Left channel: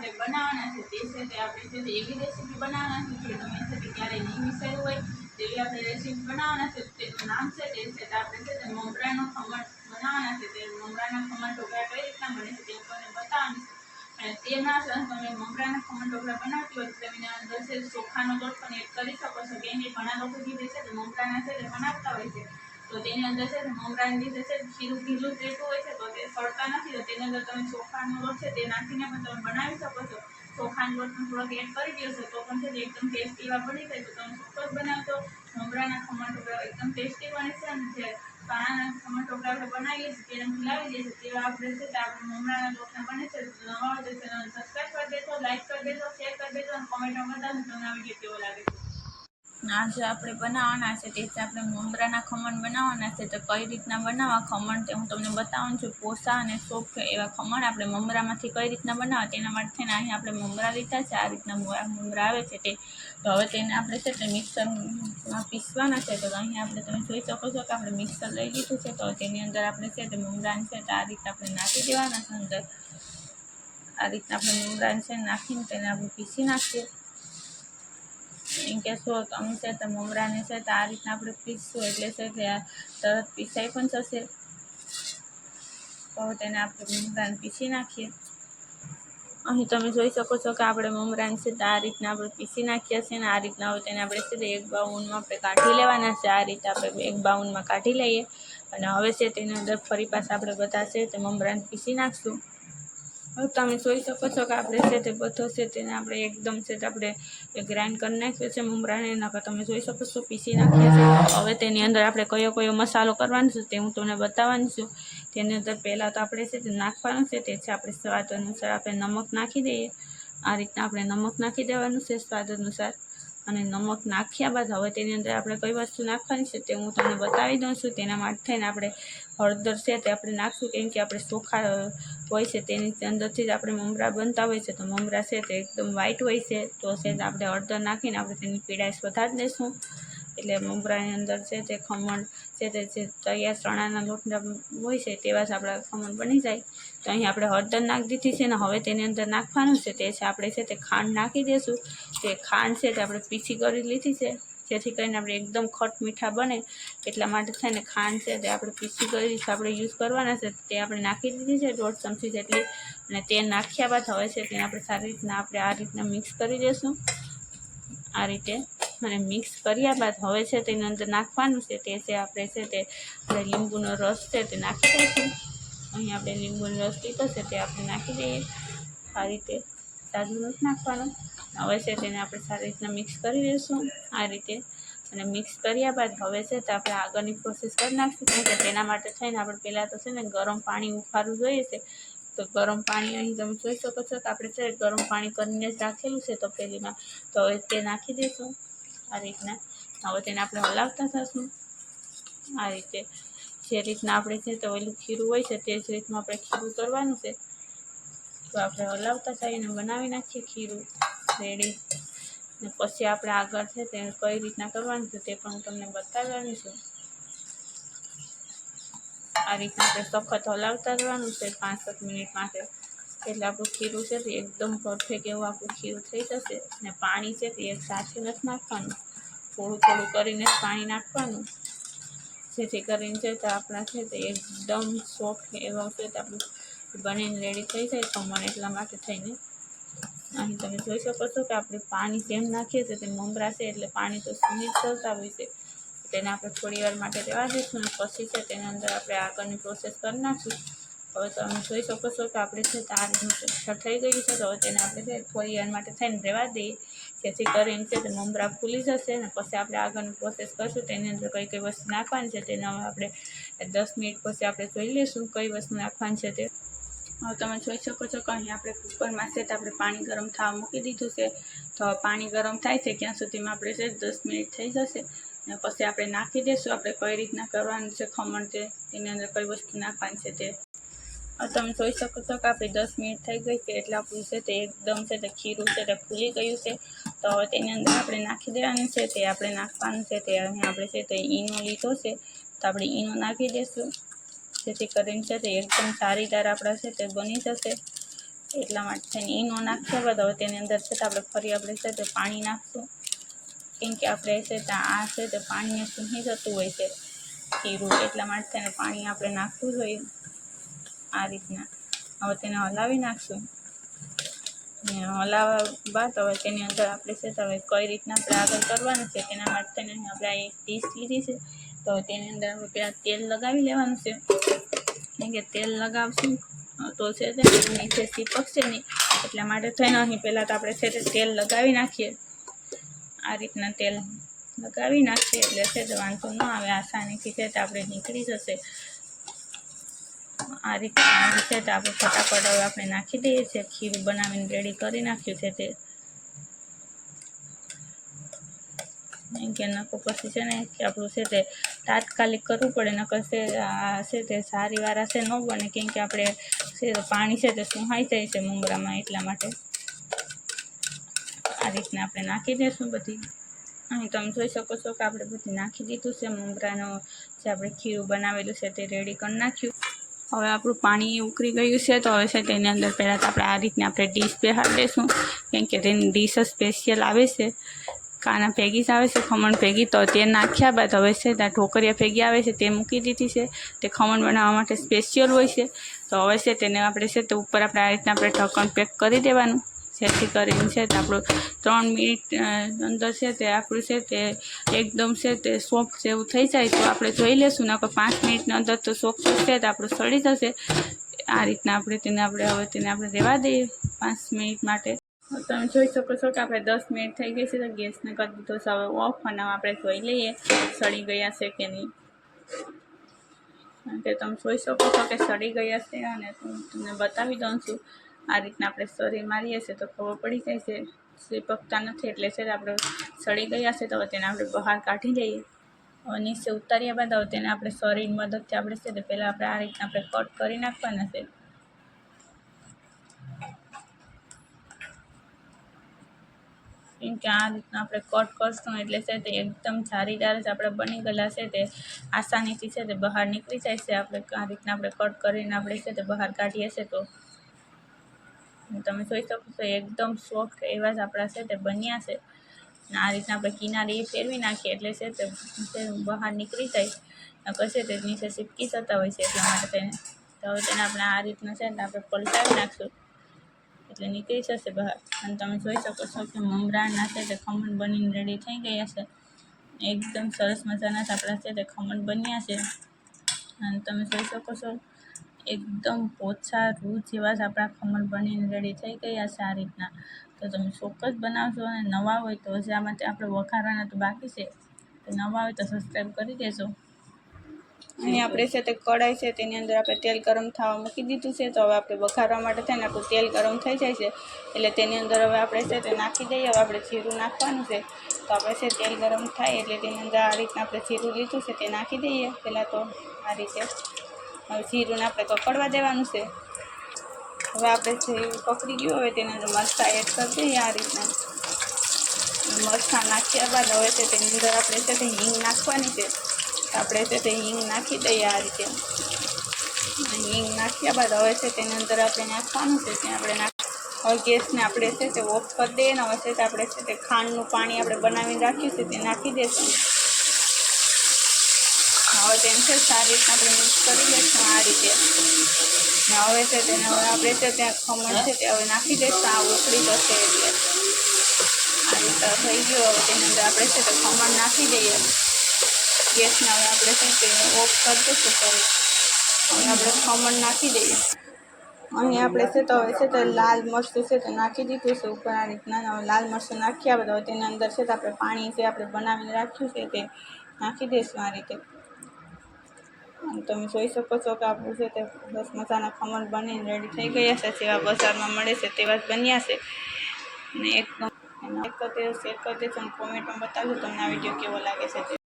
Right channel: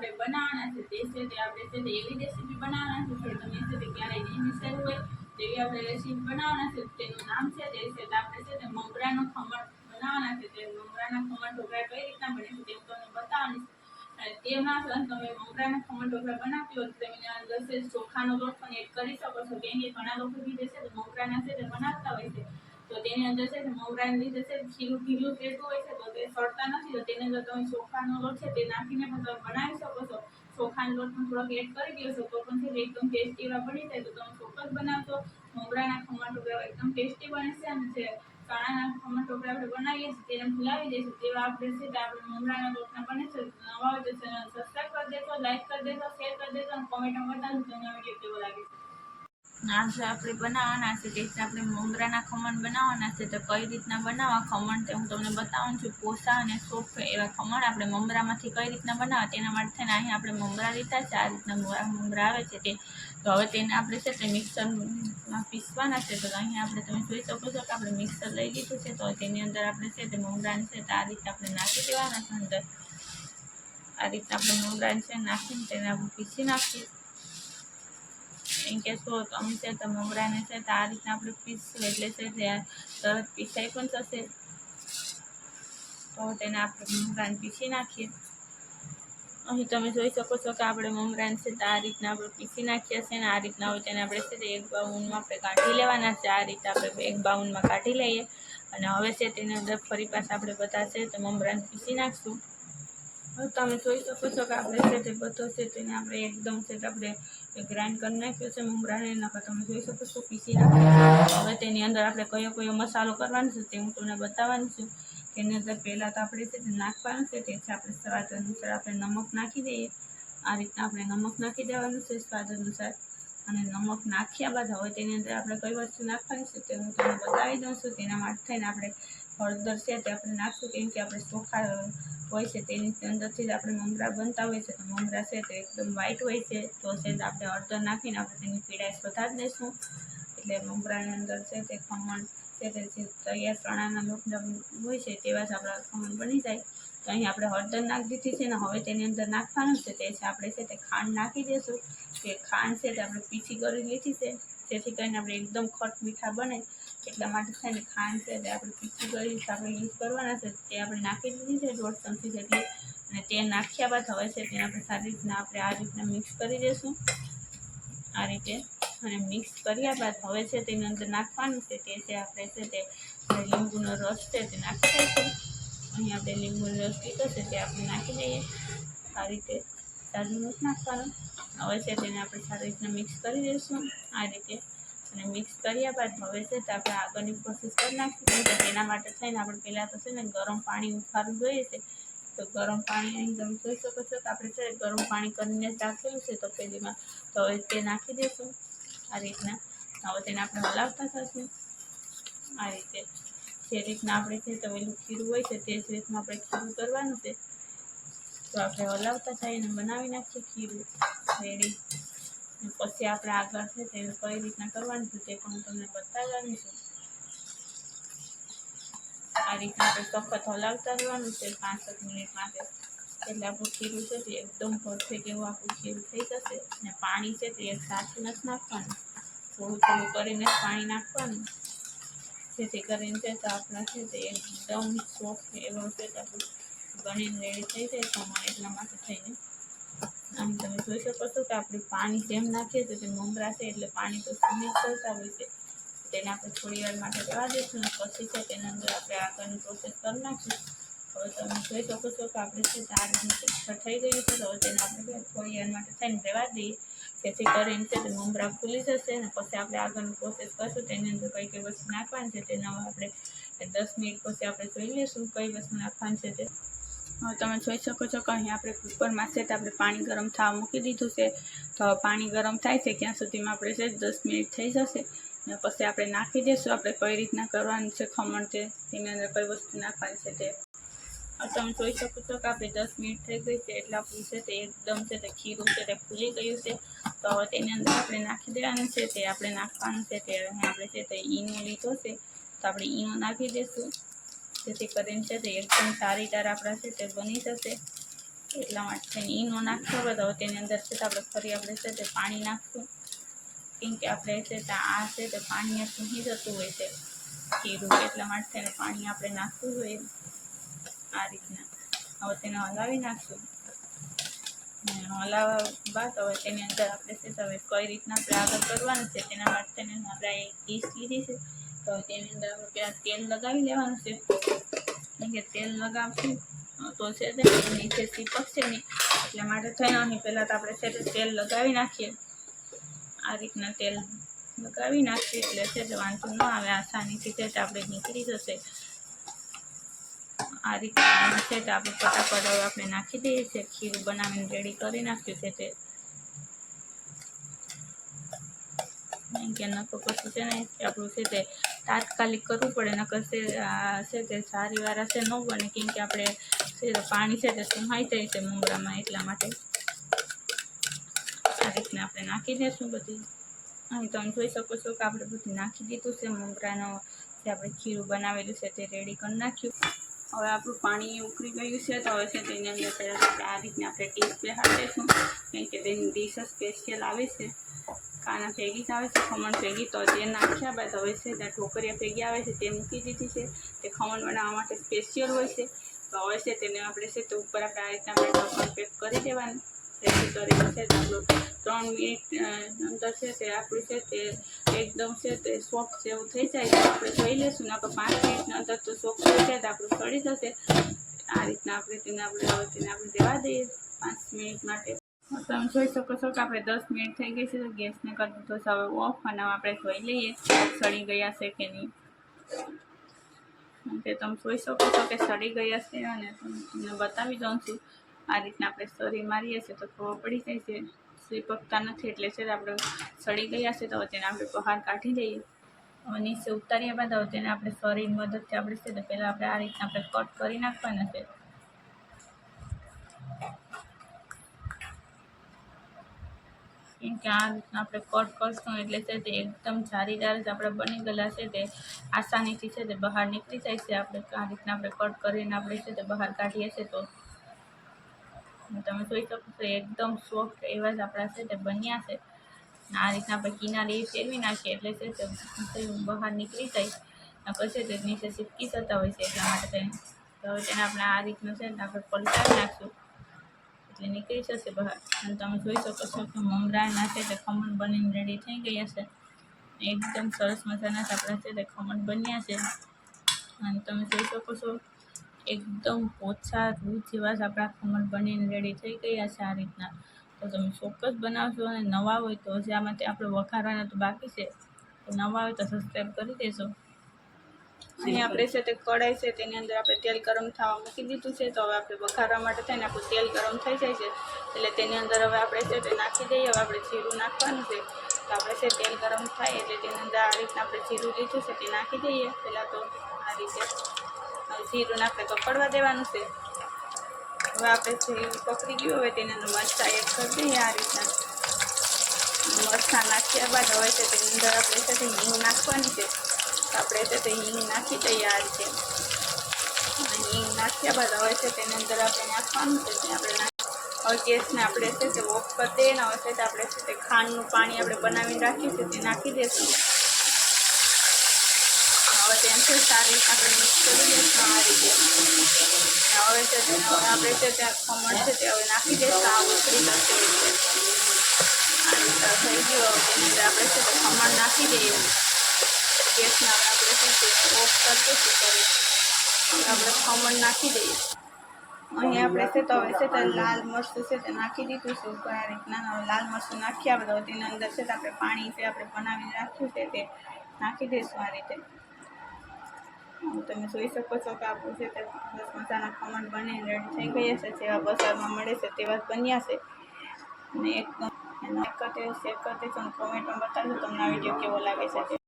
આપણે બનાવવાના છે તે છે તે આપણે છે તે એવી રેસીપી બનાવવાના છે કે તમે છે તે ક્યારેય નહીં વિચાર્યું હોય તેવી આપણે રેસીપી બનાવવાના છે. તેનું નામ છે તે છે તે આપણે છે તે મમરાનો ખમણ બનાવવાના છે. તે મમરાના ખમણ ઢોકળા કઈ રીતના બને છે તે હું તમને બતાવવાની છે. અને તેમાં તમે મમરાના ખમણ ઢોકળા બનાવતી હોય તો તમે અંદર છે ચોખાનો લોટ પણ એડ કરી શકો છો. કેમ કે ઘણા લોકો જે છે તે મમરાના છે તે બનાવતા હોય છે તો તેની અંદર છે મમરાને લીધે છે ખીરું ઢીલું રહેતું હોય છે તો તે સળતા નથી. તો તેની અંદર તમે ચોખાનો લોટ છે તે નાખીને પણ તમે બનાવી શકો છો. ચોખાનો લોટ પણ થોડોક એડ કરી દેશો તો પણ છે તે એકદમ ટેસ્ટી એવા બની જાય. તો તમે ચોક્કસ બનાવજો. મમરાના ખમણ ઢોકળા એકદમ ટેસ્ટી બને છે. અને જે ચણાના ખમણ ઢોકળા આપણે બનાવીએ છીએ તેને ભૂલાવી દઈએ છીએ તેવા આપણે છે તે આપણે મમરાના લોટના બને છે. નવા હોય તો ચેનલ સબસ્ક્રાઈબ કરી દેજો, લાઈક કરી દેજો, શેર કરી દેજો અને કોમેન્ટમાં બતાવજો તમને આ વિડીયો કેવો લાગે છે. આજે આપણે બનાવવાના છે તે આપણે મમરાના ખમણ બનાવવાના છે. તો કઈ રીતના બનાવવા ખમણ તે હું તમને બતાવું છું. પોસા અને સોફ્ટ એવા ખમણ આપણે મમરામાંથી કઈ રીતના બનાવવા તેના માટે થઈને અહીં આપણે મમરા લીધા છે. આ રીતના મમરા આવે છે તે તો હવે તેને આપણે છે તે મિક્સરમાં પીસવાના છે. તો અહીં આપણે તમે જોઈ શકો છો કે આપણે મિક્સર લઈ લીધું છે. તો તેની અંદર આપણે છે તે મમરાને છે તો આ રીતે આપણે નાખી દેવાના છે. અંદર આ રીતના આપણે મમરાને છે નાખીને તેને આપણે પીસી નાખીએ. એમ કહેશો તો અમે છે તો મમરાને છે તો આ રીતના આપણે પીસશું એટલે છે તે તરત પીસાઈ પણ થશે. તો તેને આપણે મમરાને પીસી નાખીએ. અહીં તમે જોઈ શકો છો કે આપણે મમરાને છે તો આ રીતના આપણે પીસી નાખ્યા છે. ને આ રીતના હવે તેને આપણે છે તે એક બાઉલમાં આપણે કાઢી લેવાના છે. આ રીતે આપણે એક બાઉલમાં કાઢી લઈએ. અને હવે છે તેની અંદર ફરી પાછા આપણે બધા છે તે મમરાને પીસી નાખશું. હવે તમે જોઈ શકો છો કે આપણે છે તે બધો છે તેને આપણે એકદમ છે તે આપણે ગ્રાઇન્ડ કરી નાખ્યો છે મમરાને. એના તમે જોઈ શકો છો પીસી નાખ્યા છે. હવે તેની અંદર આપણે કયો મસાલો કરવાનો છે તે હું તમને બતાવવાની છું. તેની અંદર પહેલાં તો આપણે છે તે નાખવાનું છે તે છે આપણે સ્વાદ અનુસાર આપણે નમક નાખી દઈએ. આ રીતના આપણે નમક નાખી દેવાનું છે સ્વાદ અનુસાર. અને નમક નાખ્યા બાદ હવે તેની અંદર આપણે કઈ વસ્તુ નાખવાની છે તે હું તમને બતાવી દઉં છું. તેના માટે થઈને આપણે હળદર છે તે આપણે નાખશું. કેમ કે આપણે ચોખા હોય છે તેની અંદરથી જ આપણે મમરા બનતા હોય છે. તો મમરા છે તે એકદમ વ્હાઈટ હોય છે તો છે આપણે હળદર નાખીને આપણે તેની પીળાશ વધારી દઈશું. એટલે મમરાની અંદર છે તે ખમણ છે તે જે તૈયાર ચણાના લોટના હોય છે તેવા જ આપણા ખમણ બની જાય. તો અહીં આપણે હળદર નાખી દીધી છે ને હવે તેની અંદર નાખવાનું છે તે છે આપણે છે તે ખાંડ નાખી દઈશું. તે ખાંડ છે તે આપણે પીસી કરી લીધી છે જેથી કરીને આપણે એકદમ ખટ મીઠા બને એટલા માટે થઈને ખાંડ છે તે આપણે પીસી કરી આપણે યુઝ કરવાના છે તે આપણે નાખી દીધી છે 1.5 ચમચી જેટલી. અને તે નાખ્યા બાદ હવે છે તેને આપણે સારી રીતના આપણે આ રીતના મિક્સ કરી દઈશું. આ રીતે અને મિક્સ કર્યા બાદ હવે છે તેની અંદર નાખવાનું છે તે છે આપણે છે તે લીંબુનો રસ છે તે નાખી દઈશું. અહીં આપણે લીંબુનો રસ લીધો છે તે આપણે નાખી દઈએ. આ રીતે સારું નથી નાખવાનું. હવે છે તેને આપણે સારી રીતના મિક્સ કરી દઈશું આ રીતે. અને મિક્સ કર્યા બાદ હવે છે તો આપણે આગળની પ્રોસેસ કરી નાખીશું. કેમ કે તેના માટે થઈને આપણે પહેલાં તો છે ને ગરમ પાણી ઉફાળવું જોઈએ છે. તો ગરમ પાણી અહીં તમે જોઈ શકો છો કે આપણે છે ગરમ પાણી કરીને જ રાખેલું છે તપેલીમાં. તો હવે તે નાખી દઈશું આ રીતના. હવે તેને આપણે હલાવતા થશું આ રીતે. જે રીતના આપણે છે તો ઓલું ખીરું હોય છે તે જ રીતના આપણે ખીરું કરવાનું છે. તો આપણે હલાવતા થઈને બનાવી નાખીએ ખીરું રેડી. ને પછી આપણે આગળ છે તે કઈ રીતના કરવાનું છે તે પણ હું તમને બતાવવાની છું. આ રીતના આપણે સખત હલાવતા રહેવાનું છે 5-7 મિનિટ માટે. એટલે આપણું ખીરું છે તે એકદમ પરફેક્ટ એવું આપણું ખીરું થઈ જશે. અને પાણી છે તે એક સાથે નથી નાખવાનું, થોડું થોડું કરીને જ પાણી નાખવાનું. જેથી કરીને છે તો આપણા છે તે એકદમ સોફ્ટ એવા છે તો આપણું બનીને રેડી થઈ જાય ખમણ. એટલા માટે થઈને અહીં તમે જોઈ શકો છો કે આપણે પાણી જેમ નાખીએ છીએ તે મમરા છે એટલે પાણી તો સુમિત કરતા હોય છે. તેને આપણે થોડી વાર માટે રહેવા દઈશું અને પછી છે તેના અંદર આપણે આગળની પ્રોસેસ કરી નાખીશું. હવે તમે જોઈ શકો છો કે આપણે છે તારનું થઈ ગયું છે. તો હવે તેને આપણે છે થોડી વાર માટે થઈને રહેવા દઈએ જેથી કરીને છે તે મમરા ફૂલી જશે. અને પછી આપણે આગળની પ્રોસેસ કરશું. તેની અંદર કઈ કઈ વસ્તુ નાખવાની છે તેને હવે આપણે 10 મિનિટ પછી આપણે જોઈ લઈશું કઈ વસ્તુ નાખવાની છે તે. હવે તમે જોઈ શકો છો કે અહીં આપણે કુકરમાં છે તો આપણે પાણી ગરમ થવા મૂકી દીધું છે. તો પાણી ગરમ થાય છે ત્યાં સુધીમાં આપણે છે 10 મિનિટ થઈ જશે. અને પછી આપણે નાખી દઈશું આપણે કઈ રીતના કરવાનું છે ખમણ છે તેની અંદર કઈ વસ્તુ નાખવાની છે તે. હવે તમે જોઈ શકો છો કે આપણે 10 મિનિટ થઈ ગઈ છે એટલે આપણું છે તે એકદમ છે તે ખીરું છે તે ફૂલી ગયું છે. તો હવે તેની અંદર આપણે નાખી દેવાનું છે તે આપણે નાખવાનું છે તે અહીં આપણે છે તે ઈનો લીધો છે તો આપણે ઈનો નાખી દઈશું. જેથી કરીને છે તે એકદમ સારી તાર આપણા છે તે બની જશે. એટલા માટે થઈને ઈનો નાખ્યા બાદ હવે તેની અંદર છે તો આપણે ફરી આપણે છે તે પાણી નાખશું, કેમ કે આપણે છે તે આ છે તે પાણીને સૂંઘી જતું હોય છે ખીરું, એટલા માટે તેને પાણી આપણે નાખવું જોઈએ આ રીતના. હવે તેને હલાવી નાખશું ને હલાવ્યા બાદ હવે તેની અંદર આપણે છે તો હવે કઈ રીતના આપણે આગળ કરવાનું છે તેના માટે તેને આપણે એક ડીશ લીધી છે, તો તેની અંદર હવે પહેલાં તેલ લગાવી લેવાનું છે, કેમ કે તેલ લગાવશું તો છે તે નીચે ચીપકશે નહીં, એટલા માટે થઈને અહીં પહેલાં તો આપણે છે તે તેલ લગાવી નાખીએ. આ રીતના તેલ લગાવી નાખીએ એટલે છે તો વાંધો ન આવે, આસાનીથી છે તો આપણે નીકળી જશે. આ રીતના છે તો આપણે ફટાફટ હવે આપણે નાખી દઈએ છીએ, ખીરું બનાવીને રેડી કરી નાખ્યું છે તે. કે નકો પછી છે ને કે આપણું છે તે તાત્કાલિક કરવું પડે, નકર છે તે સારી વાર હશે ન બને, કેમ કે આપણે છે પાણી છે તે સુહાઈ જાય છે મમરામાં, એટલા માટે આ રીતના આપણે નાખી દઈશું બધી. અહીં તમે જોઈ શકો છો કે આપણે બધું નાખી દીધું છે, મમરાનો જે આપણે ખીરું બનાવેલું છે તે રેડી કરી નાખ્યું. હવે આપણું પાણી ઉકળી ગયું છે, તો હવે છે તેની અંદર પહેલાં તો આપણે આ રીતના આપણે ડીશ બેહાડી દઈશું, કેમ કે તેની ડીશ સ્પેશિયલ આવે છે, કાના ભેગી જ આવે છે ખમણ ભેગી. તો તે નાખ્યા બાદ હવે છે ત્યાં ઢોકરિયા ભેગી આવે છે તે મૂકી દીધી છે, તે ખમણ બનાવવા માટે સ્પેશિયલ હોય છે. તો હવે છે તેને આપણે છે તે ઉપર આપણે આ રીતના આપણે ઢક્કણ પેક કરી દેવાનું, જેથી કરીને છે તે આપણું 3 મિનિટ અંદર છે તે આપણું છે તે એકદમ છે તે સોફ્ટ જેવું થઈ જાય તો આપણે જોઈ લેશું, નકર 5 મિનિટની અંદર તો સોફ્ટ છે તો આપણું સડી જશે. આ રીતના આપણે તેને હવે તેને આપણે રહેવા દઈએ 5 મિનિટ માટે. તમે જોઈ શકો છો કે આપણે 10 મિનિટ થઈ ગઈ છે, તો ગેસને કરી દીધો છે હવે ઓફ, અને આપણે જોઈ લઈએ સડી ગયા છે કે નહીં. કે તમે જોઈ શકો છો કે સડી ગયા છે, અને તમને બતાવી દઉં છું. આ રીતના આપણે સરી મારીએ છીએ તો ખબર પડી જાય છે, ચીપકતા નથી, એટલે છે આપણે સડી ગયા છે. તો હવે તેને આપણે બહાર કાઢી લઈએ. હવે નીચે ઉતાર્યા બાદ હવે તેને આપણે સરીની મદદથી આપણે છે તો પહેલાં આપણે આ રીતના આપણે કટ કરી નાખવાના છે. કેમ કે આ રીતના આપણે કટ કરશું એટલે છે તે એકદમ જારીદાર જ આપણે બની ગયેલા છે, તે આસાનીથી છે તે બહાર નીકળી જાય છે. આપણે આ રીતના આપણે કટ કરીને આપણે છે તે બહાર કાઢીએ છીએ તો તમે જોઈ શકો છો એકદમ સોફ્ટ એવા જ આપણા છે તે બન્યા છે. આ રીતના આપણે કિનારી ફેરવી નાખીએ એટલે છે તે બહાર નીકળી જાય, પછી તે નીચે ચીપકી જતા હોય છે, એટલા માટે તેને તો હવે તેને આપણે આ રીતના છે ને આપણે પલટાવી નાખશું એટલે નીકળી જશે બહાર. અને તમે જોઈ શકો છો કે મમરાના છે તે ખમણ બનીને રેડી થઈ ગયા છે, એકદમ સરસ મજાના જ આપણા છે તે ખમણ બન્યા છે. અને તમે જોઈ શકો છો એકદમ ઓછા રૂ જેવા જ આપણા ખમણ બનીને રેડી થઈ ગયા છે આ રીતના. તો તમે ચોક્કસ બનાવશો, અને નવા હોય તો હજી આમાંથી આપણે વઘારવાના તો બાકી છે, તો નવા હોય તો સબસ્ક્રાઈબ કરી દેજો. અને આપણે છે તે કઢાઈ છે તેની અંદર આપણે તેલ ગરમ થવા મૂકી દીધું છે, તો હવે આપણે વઘારવા માટે થઈને આપણું તેલ ગરમ થઈ જાય છે એટલે તેની અંદર હવે આપણે છે તે નાખી દઈએ. હવે આપણે જીરું નાખવાનું છે, તો આપણે છે તેલ ગરમ થાય એટલે તેની અંદર આ રીતના આપણે જીરું લીધું છે તે નાખી દઈએ પહેલાં તો આ રીતે. હવે જીરુંને આપણે કકડવા દેવાનું છે. હવે આપણે જીરું પકડી ગયું, હવે તેની અંદર મરચાં એડ કરી દઈએ આ રીતના. મરચાં નાખ્યા બાદ હવે છે તેની અંદર આપણે છે તે હિંગ નાખવાની છે, તો આપણે છે તે હિંગ નાખી દઈએ આ રીતે. હિંગ નાખ્યા બાદ હવે છે તેની અંદર આપણે નાખવાનું છે તે આપણે હવે ગેસને આપણે છે તે ઓફ કરી દઈએ, ને હવે છે તે આપણે છે તે ખાંડનું પાણી આપણે બનાવીને રાખ્યું છે તે નાખી દઈશું. હવે તેને છે સારી રીતના આપણે મિક્સ કરી દઈશું આ રીતે. ને હવે છે તેને હવે આપણે છે ત્યાં ખમણ છે તે હવે નાખી દઈશું, આ ઉકળી જશે એટલે આ રીતે થઈ ગયું. હવે તેની અંદર આપણે છે તે ખમણ નાખી દઈએ. ગેસને હવે આપણે છે તે ઓફ કરી દઈશું ફરી. હવે આપણે ખમણ નાખી દઈએ. અહીં આપણે છે તો હવે છે તે લાલ મરચું છે તે નાખી દીધું છે ઉપર આ રીતના. હવે લાલ મરચું નાખ્યા બાદ હવે તેની અંદર છે તો આપણે પાણી છે આપણે બનાવીને રાખ્યું છે તે નાખી દઈશું આ રીતે. તમે જોઈ શકો છો કે આપણું છે તે બસ મસાલા ખમણ બનીને રેડી થઈ ગયા છે, જેવા બજારમાં મળે છે તેવા જ બન્યા છે. અને એકદમ શેર કરી દેજો અને કોમેન્ટમાં બતાવજો તમને આ વિડીયો કેવો લાગે છે તે.